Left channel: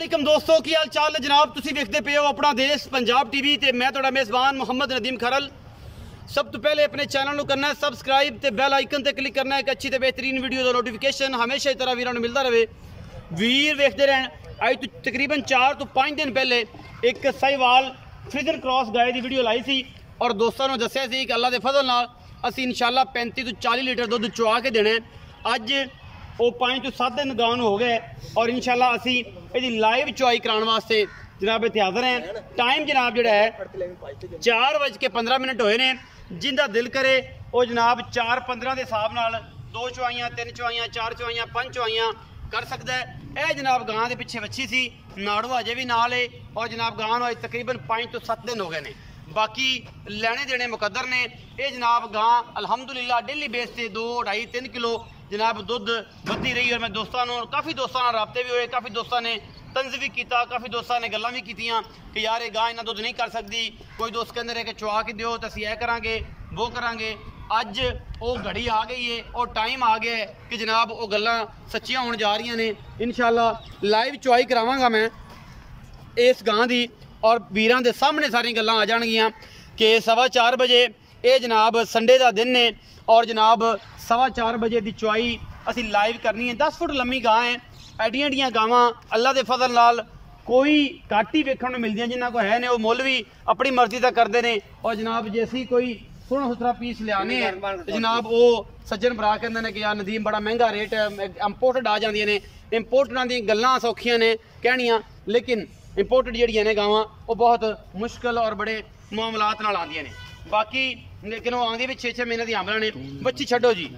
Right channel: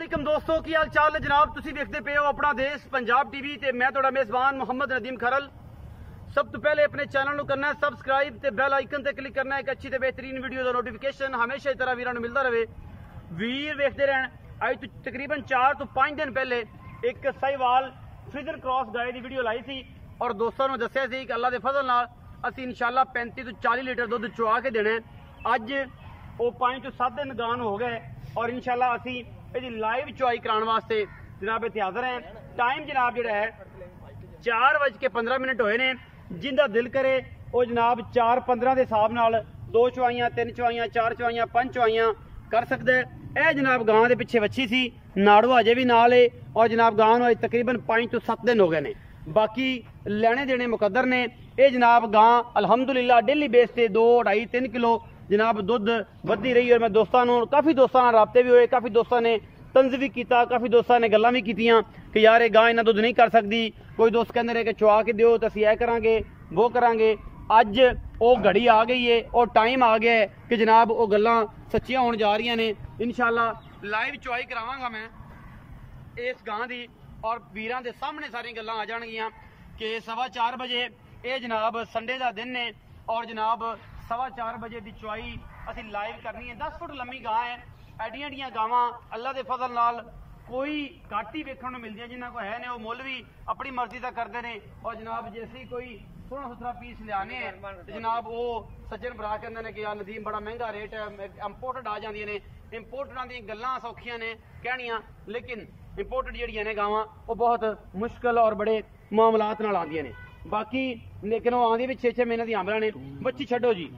वालेकुम दोस्तों की हाल चाल है जनाब। तुसी देखते पे हो अपना देश पंजाब टीवी ते मैं तुहाडा मेज़बान मुहम्मद नदीम खरल। सब तो पहले अपने चैनल को करना है सबसक्राइब ते बेल आइकन ते क्लिक करना है एक अच्छी ते बेहतरीन वीडियो का नोटिफिकेशन हमेशा इस तरह वीरों को मिलता रहे। वीर देखते रहन। अज तो तकरीबन 4 तो 5 दिन पहले एक साहिवाल फ्रीजन क्रॉस गाय की वीडियो लाई सी और दोस्तों ने दसिया सी कि अल्लाह के फजल नाल असीं इंशाअल्लाह 35 तो 40 लीटर दुध चुआ के देना है। अज वो 5 तो 7 दिन गान हो गए और इंशाअल्लाह असीं इसकी लाइव चुआई कराने वास्ते जनाब इत्थे हाज़र हैं। टाइम जनाब जोड़ा है 4:15 होए ने। जिंदा दिल करे वो जनाब 4:15 के हिसाब नाल 2 चुआइयां 3 चुआइयां 4 चुआइयां 5 चुआइयां कर सकता है। यह जनाब गां के पिछे वच्छी सी नाड़ू अजे भी नाल है और जनाब गां नूं अज तकरीबन 5 तो 7 दिन हो गए ने। बाकी लेने देने मुकद्दर ने। ये जनाब गां अलहमदुलिल्लाह डेली बेस से 2 2.5 3 किलो जनाब दुध बढ़ती रही। और मैं दोस्तों काफ़ी दोस्तों राबते भी हुए, काफ़ी दोस्तों ने तंज भी किया, काफ़ी दोस्तों ने गल्लां भी कीतियां कि यार ये गां इन्ना दुध नहीं कर सकती। कोई दोस्त कहते रहे कि चुआ के दिओ तो असीं ऐ करांगे वो करांगे। अज वो घड़ी आ गई है और टाइम आ गया है कि जनाब वो गल्लां सच्चियां होने जा रही ने। इंशाअल्लाह लाइव चुआई करावांगा मैं इस गां दी और वीरां दे सामने सारी गल्लां आ जाणगियां कि 4:15 बजे ये जनाब संडे का दिन ने और जनाब 4:15 बजे की चुआई असी लाइव करनी है। 10 फुट लम्मी गां है। एडियां एडियां गावां अल्लाह के फजल नाल कोई घट ही वेखण नूं मिलदियां, जिन्हां को है ने वो मुल भी अपनी मर्जी का करते हैं। और जनाब जे असीं कोई सोहना सुथरा पीस लियाने तो जनाब वो सज्जन भरा कहंदे ने कि यार नदीम बड़ा महंगा रेट इंपोर्टेड आ जांदियां ने। इंपोर्टडां दी गल्लां सौखियां ने कहणियां, लेकिन इंपोर्टेड जिहड़ियां ने गावां वो बहुत मुश्किल और बड़े मामलात नाल आंदियां ने। बाकी लेकिन वो आंदी भी 6-6 महीने दी आमला ने। बच्ची छड्डो जी,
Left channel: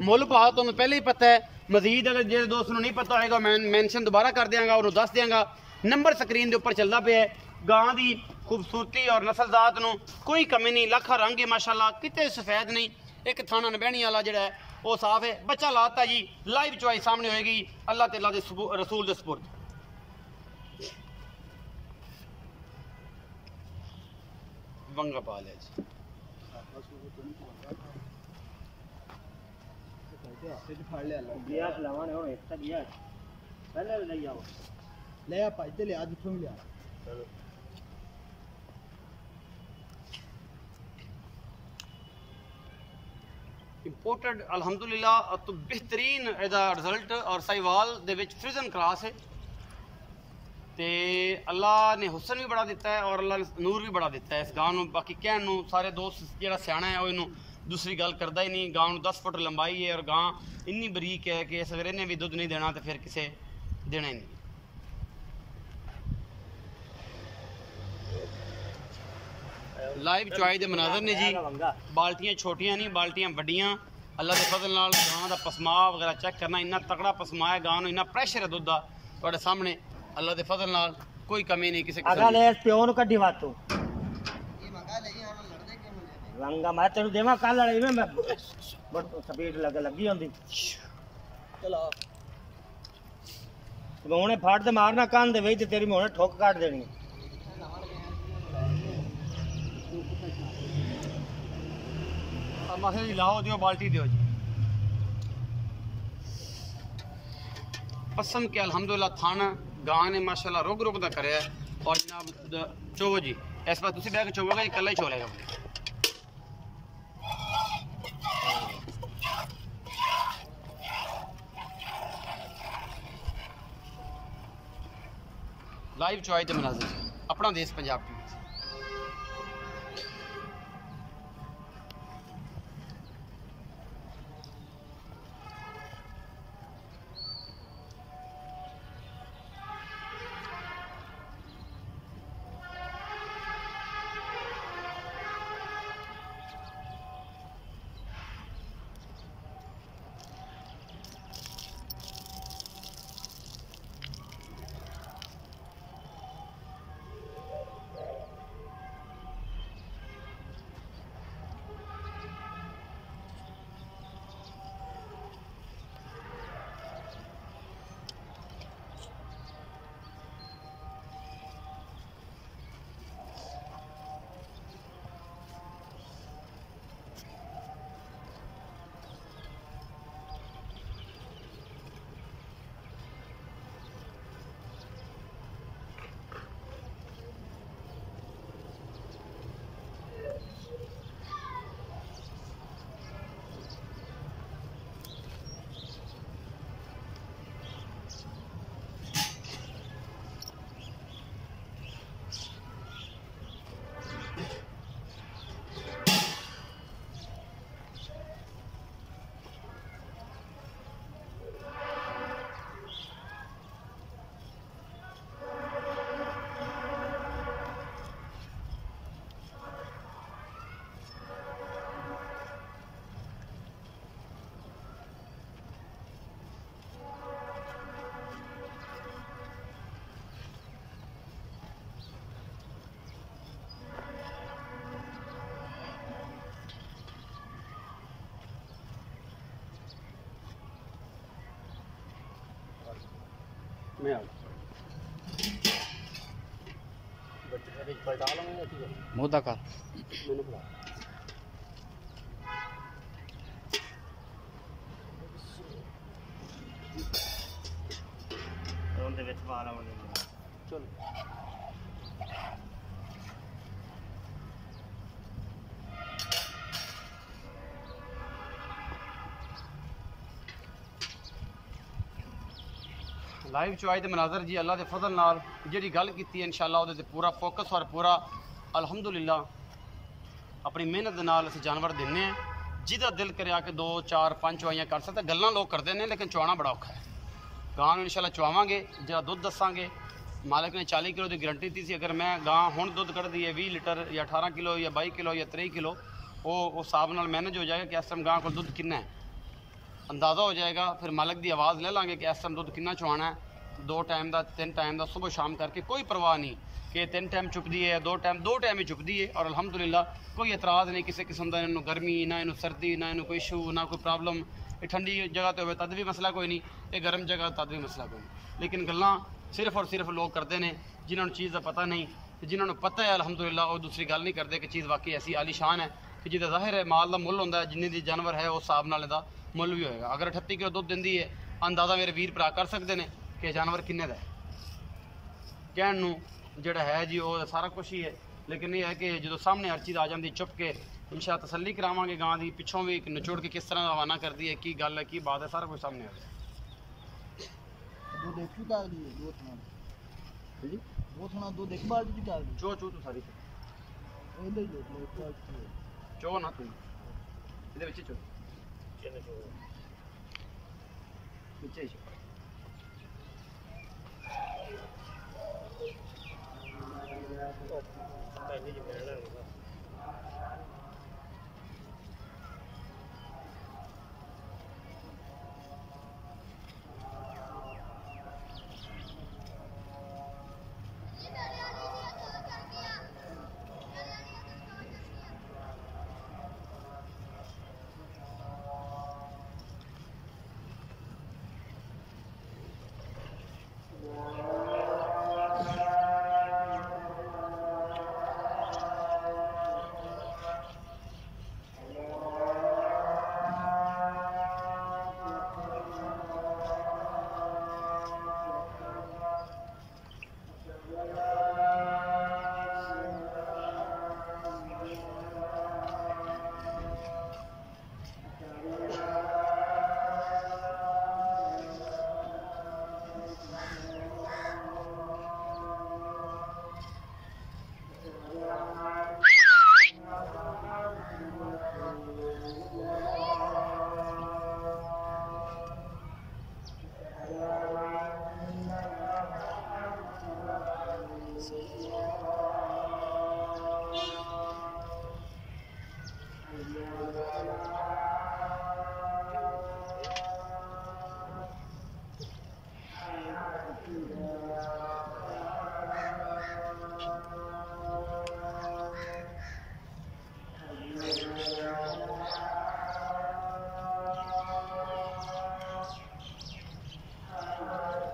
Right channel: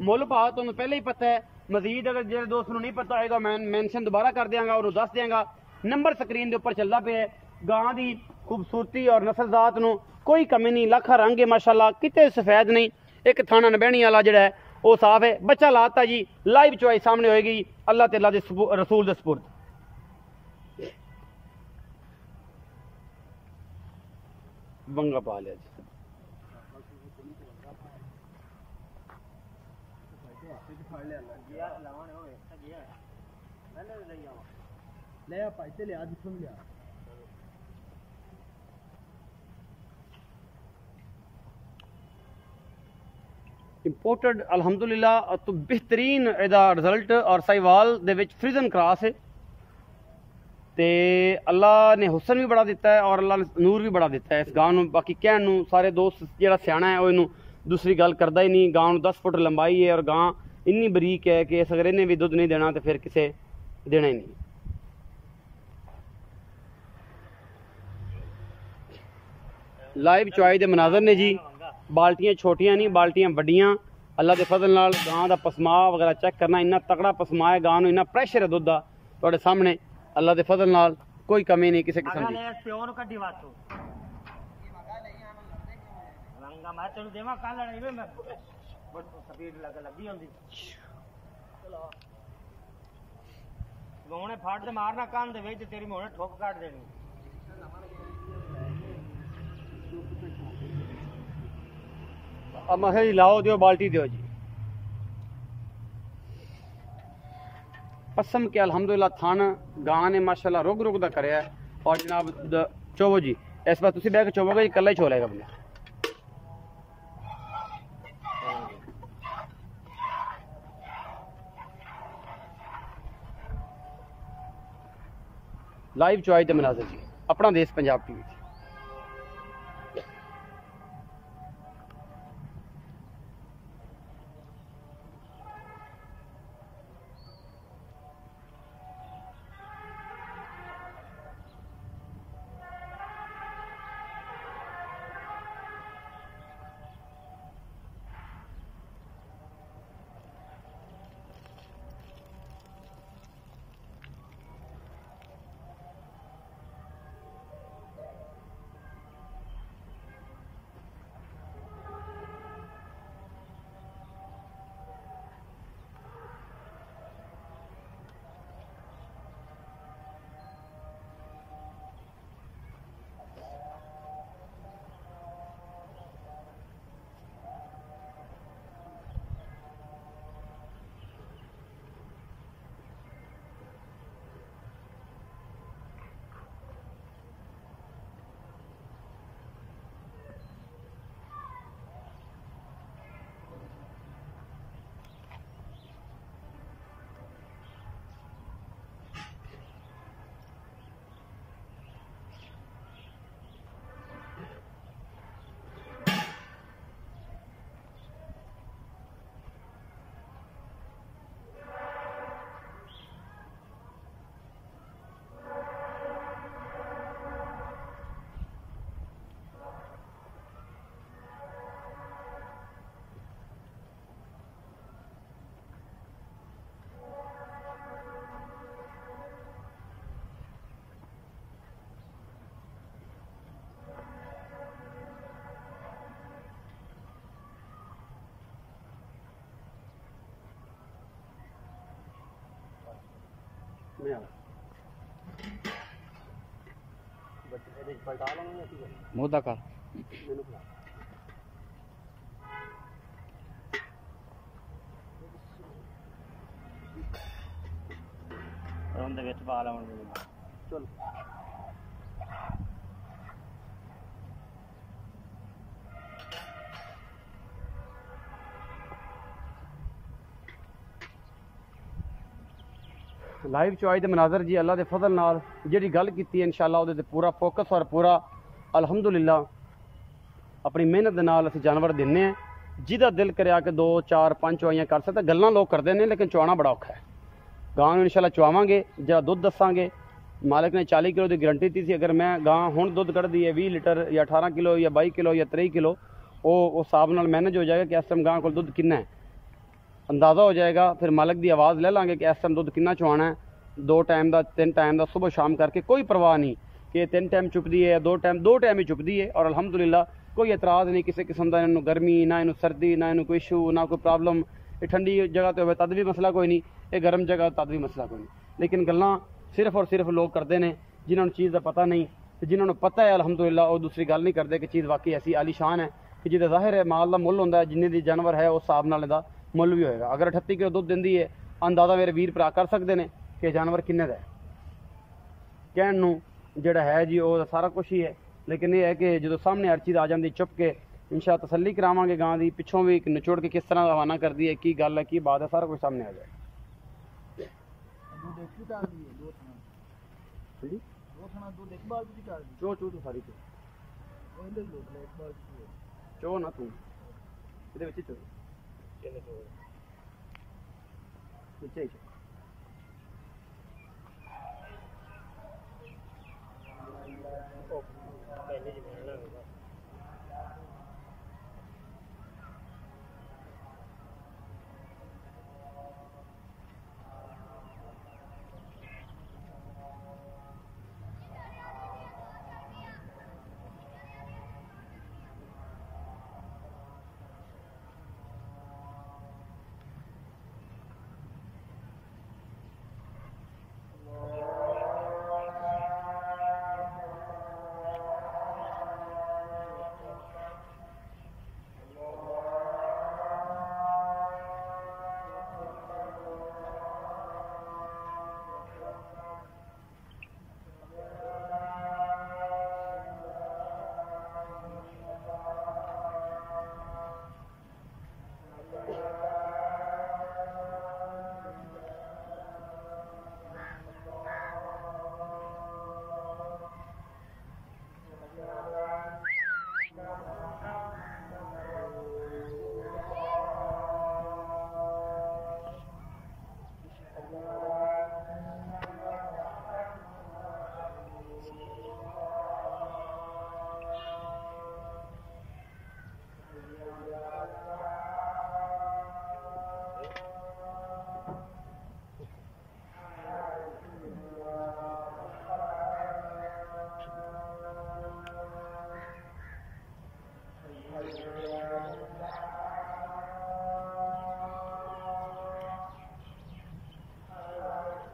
मुल भाव तुहानूं पहले ही पता है। मजीद अगर जो दोस्त नूं नहीं पता होएगा मैं मैंशन दोबारा कर देंगा और दस देंगा। नंबर स्क्रीन के उपर चलता पे है। गां की खूबसूरती और नस्लजात नूं कोई कमी नहीं, लखा रंग है माशाअल्लाह, किते सफेद नहीं। एक थाना नबैनी वाला जिहड़ा है वो साफ है। बच्चा लाता जी, लाइव चुआई सामने होएगी अल्लाह ते अल्लाह दे रसूल दे सपुर्द। बंगा पा लिया जी। इंपोर्टेड अलहमदुलिल्लाह तो बेहतरीन इहदा रिजल्ट और साहिवाल दे विच फ्रीजन क्रॉस है। ते अल्लाह ने हुसन भी बड़ा दिता है और अल्लाह ने नूर भी बड़ा दिता है इस गां नूं। बाकी कहण नूं सारे दोस्त जिहड़ा सियाणा है वो इनू दूसरी गल करदा ही नहीं। गां नूं 10 फुट लंबाई है और गां इन्नी बरीक है कि अगर इन्हें भी दुध नहीं देना तो फिर किसे देना ही नहीं। लाइव चुआई दे मनाजर ने जी। बाल्टियां छोटियां नहीं, बाल्टियां वड्डियां। अल्लाह के फजल नाल गां दा पसमा वगैरह चेक करना, इन्ना तगड़ा पसमा है गां नूं, इन्ना प्रेशर है दुध दा तुहाडे सामने। अल्लाह के फजल नाल कोई कमी नहीं किसी किस्म दी। प्यो नु कड्डी वातू रंगा मैं तेनु देवा कल वाले में बट स्पीड लगी होंदी। चलो मोहने फाड़ दे मारना कान दे वेच तेरी मोहने ठोक काट देनी। अब मखे जी लाओ दियो बाल्टी दियो जी। पसम के अल्हम्दुलिल्लाह थान गां ने माशाल्लाह रुक रुक दा करया और जनाब चोवो जी इस बार तुसी बैठ के चोवोगे जी कल्ला ही छोलेगा अपने। लाइव चुआई दे मनाज़र जी अपना देश पंजाब टीवी। मैं आ बच्चे पलटा लूँगा ठीक है मुद्दा कर मैंने बुला ਉਹਦੇ ਵਿੱਚ ਪਾ ਲਵਾਂਗੇ चलो लाइव चॉइस मनाजर जी अल्लाह के फजल नाल जी गल की इंशाअल्लाह उहदे ते पूरा फोकस और पूरा अल्हम्दुलिल्लाह अपनी मेहनत दे नाल असीं जानवर दिन्ने हैं जिहदा दिल करे आके 2 4 5 चवाइयां कर सकता गल्लां लोग करते हैं लेकिन चुआना बड़ा औखा है गां नूं इंशाअल्लाह चुआवांगे जरा दुध दसांगे मालिक ने 40 किलो की गारंटी दी सी अगर मैं गां हुण दुध कढ़दी है 20 लीटर या 18 किलो या 22 किलो या 23 किलो वो उस हिसाब नाल मैनेज हो जाएगा कि इस टाइम गां को दुध कितना है अंदाज़ा हो जाएगा फिर मालिक की आवाज़ ले लाँगे कि इस टाइम दुध कितना चुआना है 2 टाइम का 3 टाइम का सुबह शाम करके कोई परवाह नहीं कि 3 टाइम चुपदी है 2 टाइम ही चुपदी है और अल्हम्दुलिल्लाह कोई एतराज़ नहीं किसी किस्म का इन्हूं गर्मी ना इन्हूं सर्दी ना इन्हूं कोई इशू ना कोई प्रॉब्लम ये ठंडी जगह तो हो तद भी मसला कोई नहीं ये गर्म जगह तद भी मसला कोई नहीं लेकिन गल्लां सिर्फ और सिर्फ लोग करते हैं जिन्होंने चीज़ का पता नहीं जिन्होंने पता है अल्हम्दुलिल्लाह वो दूसरी गल नहीं करते कि चीज़ वाकई ऐसी आलीशान है कि जिहदा जाहिर है माल का मुल होंदा है जिन्ने दी जानवर है उस हिसाब नाल इहदा मुल भी होएगा अगर 38 किलो दुध दिंदी है अंदाज़ा मेरे वीर भरा कर सकते हैं कि जानवर किन्ने दा है कहण नूं जिहड़ा है जी वो सारा कुछ ही है लेकिन ये है कि जो सामने हर चीज़ आ जाती चुप के इंशाअल्लाह तसल्ली करावांगे गां दी पिछों भी निचोड़ के किस तरह रवाना कर दी है की गल है की बात है सारा कुछ सामने आ जाए दूध एक ही डाल दिए दो थना जी दो थना दूध एक बाल्टी डाल दी चो चो तो सारी चो वो इधर लोग ले एक बाल्टी चो ना तू इहदे विच चो ਚਲੋ ਚੋ नीचे ही चो ਉਹ ਪਹਿਲੇ ਜਿਵੇਂ ਰਹਿਣਾ ਬਸ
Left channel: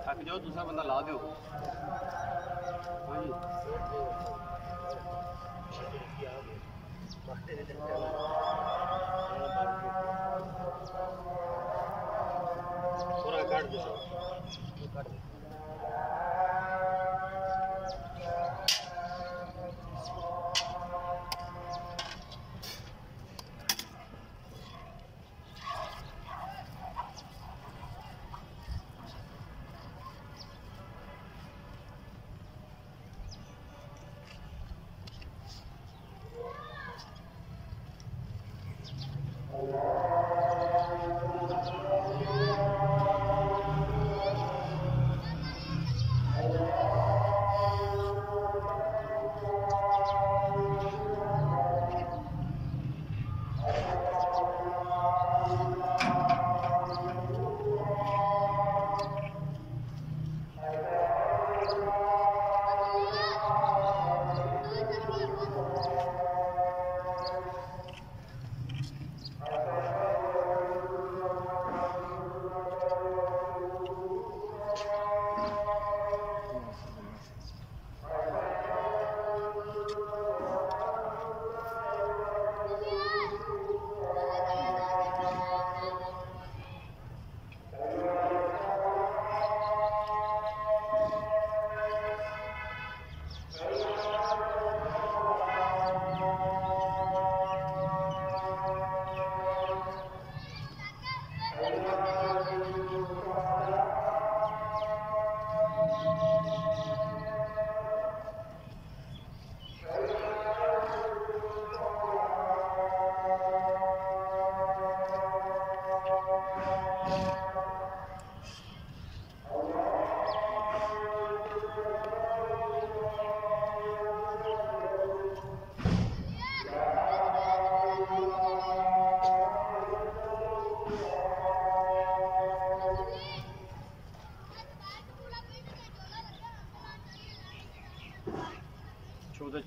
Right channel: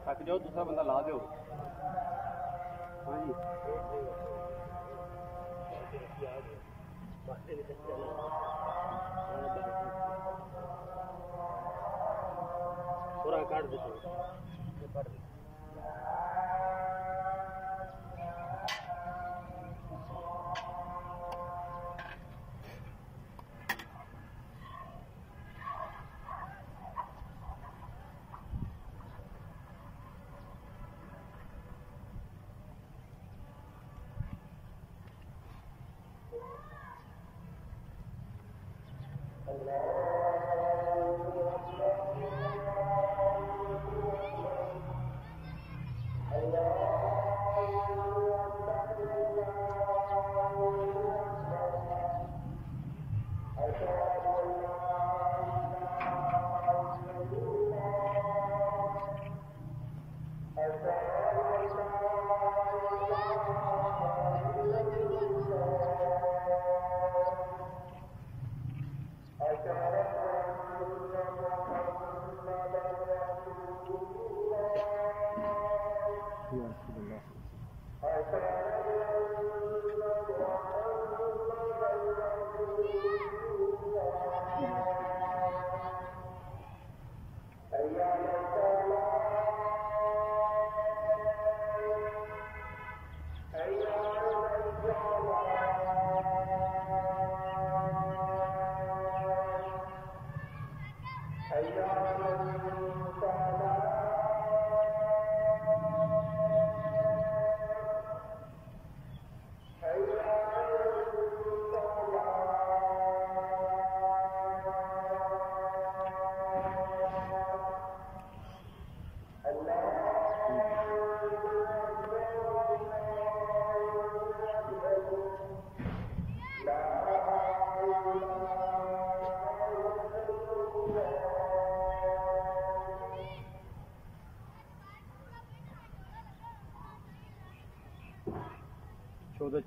थक जाओ दूसरा बंदा ला दो हाँ जी पूरा काट दो काट दो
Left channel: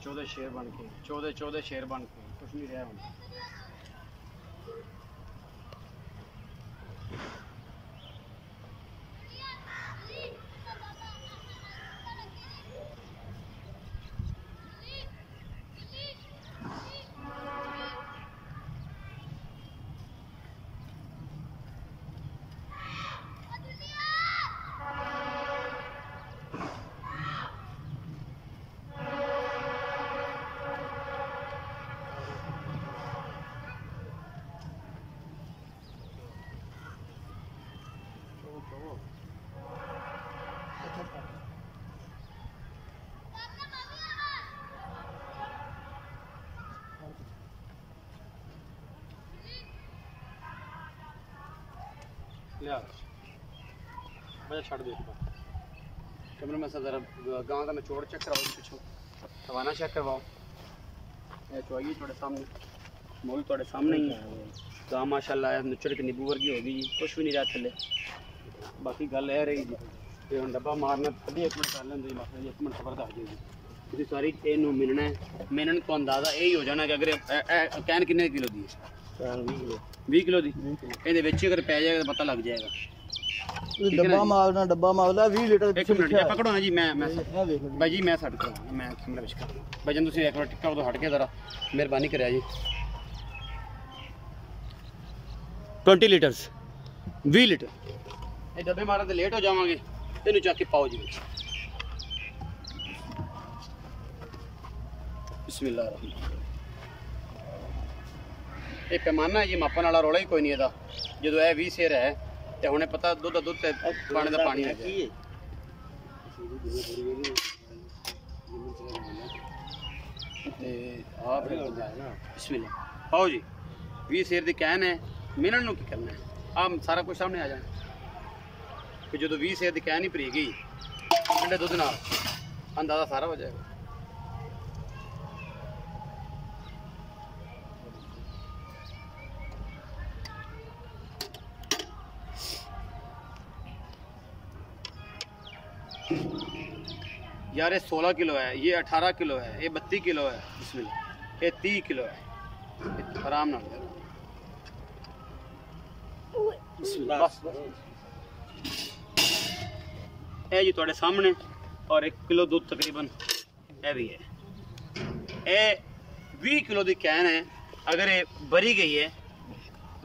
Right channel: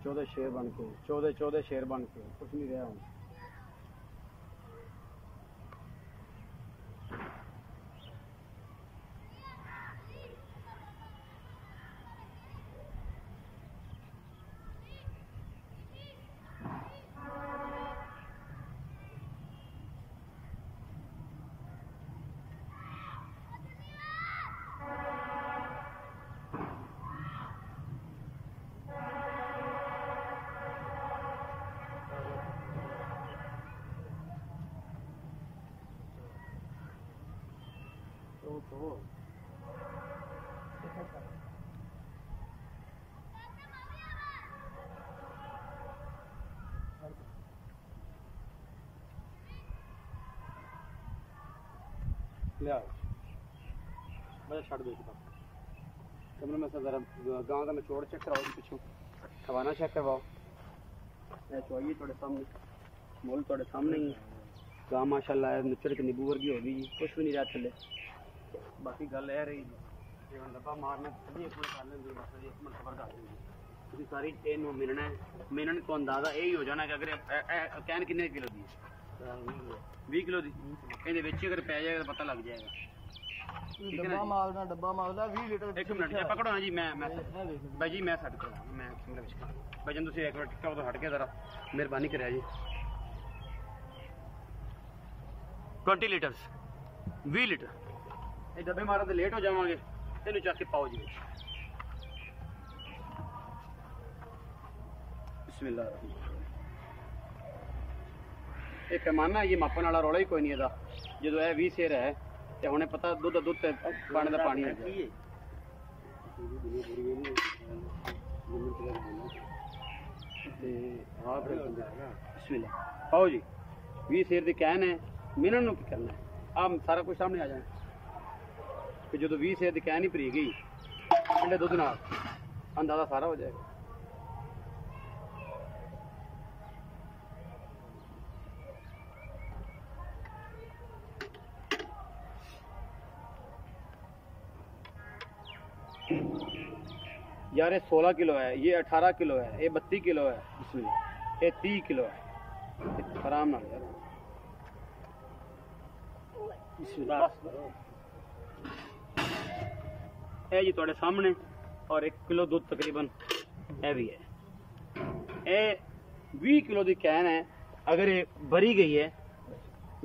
चौदह शेर बन के, चौदह शेर बन के, कुछ नहीं रहा हूँ। लिया बजा छड़ दे कैमरे में से ज़रा गाँव का निचोड़ चेक कराओ पिछू हवाना चेक करवाओ चुआइए थोड़े सामने मोल थोड़े सामने ही है गाँव माशाल्लाह निचड़ के नींबू वर्गी होगी जी कुछ भी नहीं रहा थले बाकी गल यह रही जी ये हम डब्बा मारना कभी 1 मिनट कर लेंगे बस 1 मिनट खबर दस जी ਤੁਸੀਂ ਸਾਰੀ ਇਹਨੂੰ ਮਿਲਣਾ ਹੈ ਮਿਲਣ ਤੋਂ ਅੰਦਾਜ਼ਾ ਇਹ ਹੀ ਹੋ ਜਾਣਾ ਕਿ ਅਗਰ ਕੈਨ ਕਿੰਨੇ ਕਿਲੋ ਦੀ ਹੈ ਕੈਨ 20 ਕਿਲੋ ਦੀ ਇਹਦੇ ਵਿੱਚ ਅਗਰ ਪੈ ਜਾਏਗਾ ਤਾਂ ਪਤਾ ਲੱਗ ਜਾਏਗਾ ਡੱਬਾ ਮਾਲਦਾ 20 ਲੀਟਰ ਇੱਕ ਮਿੰਟ ਜੀ ਪਕੜੋ ਨਾ ਜੀ ਮੈਂ ਬਾਈ ਜੀ ਮੈਂ ਛੱਡ ਕਰਾਂ ਮੈਂ ਕੈਮਰਾ ਵਿੱਚ ਕਰ ਬਾਈ ਜੀ ਤੁਸੀਂ ਇੱਕ ਵਾਰ ਟਿੱਕਾ ਉਦੋਂ ਹਟ ਕੇ ਜ਼ਰਾ ਮਿਹਰਬਾਨੀ ਕਰਿਆ ਜੀ 20 ਲੀਟਰਸ 20 ਲੀਟਰ ਇਹ ਡੱਬੇ ਮਾਰਨ ਤੇ ਲੇਟ ਹੋ ਜਾਵਾਂਗੇ ਇਹਨੂੰ ਚੱਕ ਕੇ ਪਾਓ ਜੀ ਵਿੱਚ बिस्मिल्लाह ये पैमाना है जी मापन वाला रौला ही कोई नहीं है जो है 20 सेर है तो हुणे पता दुध ते पानी का पानी है बिस्मिल्लाह आओ जी 20 सेर की कैन है मिनट नूं की करना है आप सारा कुछ सामने आ जाना कि जो 20 सेर की कैन ही भरी गई ठंडे दुध नाल अंदाजा सारा हो जाएगा यार ये 16 किलो है ये 18 किलो है ये 32 किलो है बिस्मिल्लाह ये 30 किलो है आराम नाल यार बिस्मिल्लाह बस ये जी तुहाडे सामने और 1 किलो दूध तकरीबन है भी है ये 20 किलो की कैन है अगर ये भरी गई है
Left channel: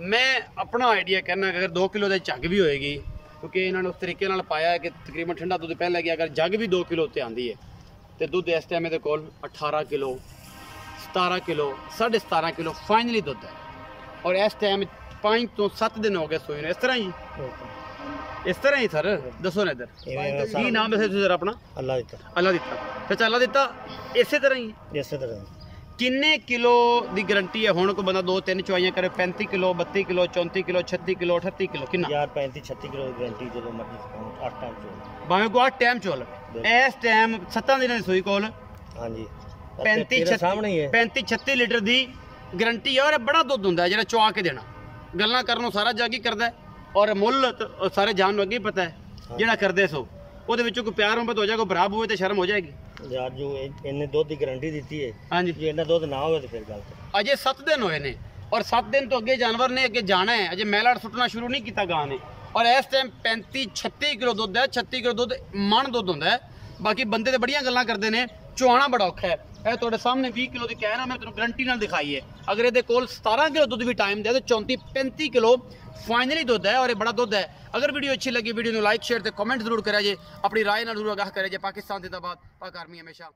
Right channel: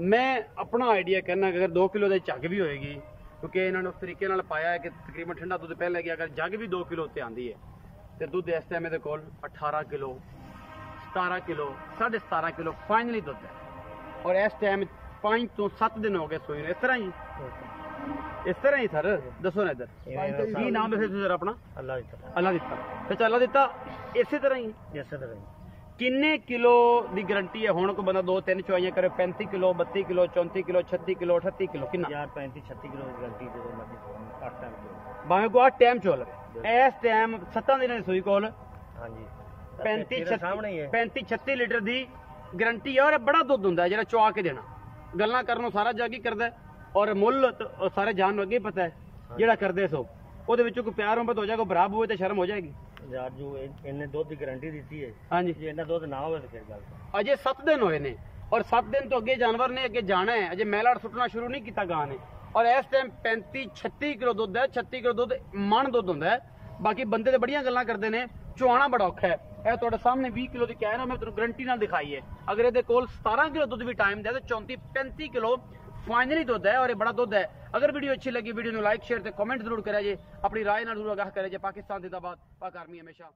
मैं अपना आइडिया कहना कि अगर 2 किलो की झग भी होएगी क्योंकि इन्होंने उस तरीके नाल पाया है कि तकरीबन ठंडा दुध पहले गया अगर जग भी 2 किलो उत्ते आती है तो दुध इस टाइम ये कोल 18 किलो 17 किलो 17.5 किलो फाइनली दुध है और इस टाइम 5 तो 7 दिन हो गए सोई ने इस तरह ही सर दसो ना इधर की नाम दसे सर अपना अल्लाह दिता चाचा अल्लाह दिता इसे तरह ही किन्ने किलो की गारंटी है हुण कोई बंदा 2-3 चुआइयां करे 35 kilo 32 kilo 34 kilo 36 kilo 38 kilo कितना यार 35-36 किलो की गारंटी जो मर्जी 8 टाइम चोल भावे को 8 टाइम चोल इस टाइम 7 दिनां दी सूई कोल हां जी 35-36 लीटर की गारंटी है और बड़ा दुध हुंदा है जेड़ा चुआ के देना गल्लां करनों सारा जग ही करदा और मुੱਲ सारे जान नूं अगे पता है जेड़ा करदे सो ਉਹਦੇ ਵਿੱਚੋਂ ਕੋਈ ਪਿਆਰ ਮੁਹੱਬਤ ਹੋ ਜਾਏ ਕੋਈ ਬਰਾਬ ਹੋਵੇ ਤੇ ਸ਼ਰਮ ਹੋ ਜਾਏਗੀ ਯਾਰ ਜੋ ਇਹਨੇ ਦੁੱਧ ਦੀ ਗਾਰੰਟੀ ਦਿੱਤੀ ਹੈ ਹਾਂਜੀ ਜੇ ਇਹਨਾਂ ਦੁੱਧ ਨਾ ਹੋਵੇ ਤੇ ਫਿਰ ਗੱਲ ਅਜੇ 7 ਦਿਨ ਹੋਏ ਨੇ ਔਰ 7 ਦਿਨ ਤੋਂ ਅੱਗੇ ਜਾਨਵਰ ਨੇ ਅੱਗੇ ਜਾਣਾ ਹੈ ਅਜੇ ਮੈਲਾੜ ਸੁੱਟਣਾ ਸ਼ੁਰੂ ਨਹੀਂ ਕੀਤਾ ਗਾਂ ਨੇ ਔਰ ਇਸ ਟਾਈਮ 35-36 ਕਿਲੋ ਦੁੱਧ ਹੈ 36 ਕਿਲੋ ਦੁੱਧ ਮਣ ਦੁੱਧ ਹੁੰਦਾ ਹੈ बाकी बंदे तो बड़ियां गल्लां करते हैं, चुआना बड़ा औखा है। ਇਹ ਤੁਹਾਡੇ ਸਾਹਮਣੇ 20 ਕਿਲੋ ਦੀ ਕਹਿ ਨਾ, ਮੈਂ ਤੁਹਾਨੂੰ ਗਰੰਟੀ ਨਾਲ ਦਿਖਾਈ ਹੈ। ਅਗਰ ਇਹਦੇ ਕੋਲ 17 ਕਿਲੋ ਦੁੱਧ ਵੀ ਟਾਈਮ ਦੇ ਤਾਂ 34-35 ਕਿਲੋ ਫਾਈਨਲੀ ਦੁੱਧ ਹੈ, ਔਰ ਇਹ ਬੜਾ ਦੁੱਧ ਹੈ। ਅਗਰ ਵੀਡੀਓ ਅੱਛੀ ਲੱਗੀ ਵੀਡੀਓ ਨੂੰ ਲਾਈਕ ਸ਼ੇਅਰ ਤੇ ਕਮੈਂਟ ਜ਼ਰੂਰ ਕਰਿਆ ਜੇ, ਆਪਣੀ ਰਾਏ ਨਾਲ ਜ਼ਰੂਰ ਆਗਾਹ ਕਰਿਆ ਜੇ। ਪਾਕਿਸਤਾਨ ਜ਼ਿੰਦਾਬਾਦ, ਪਾਕ ਆਰਮੀ ਹਮੇਸ਼ਾ।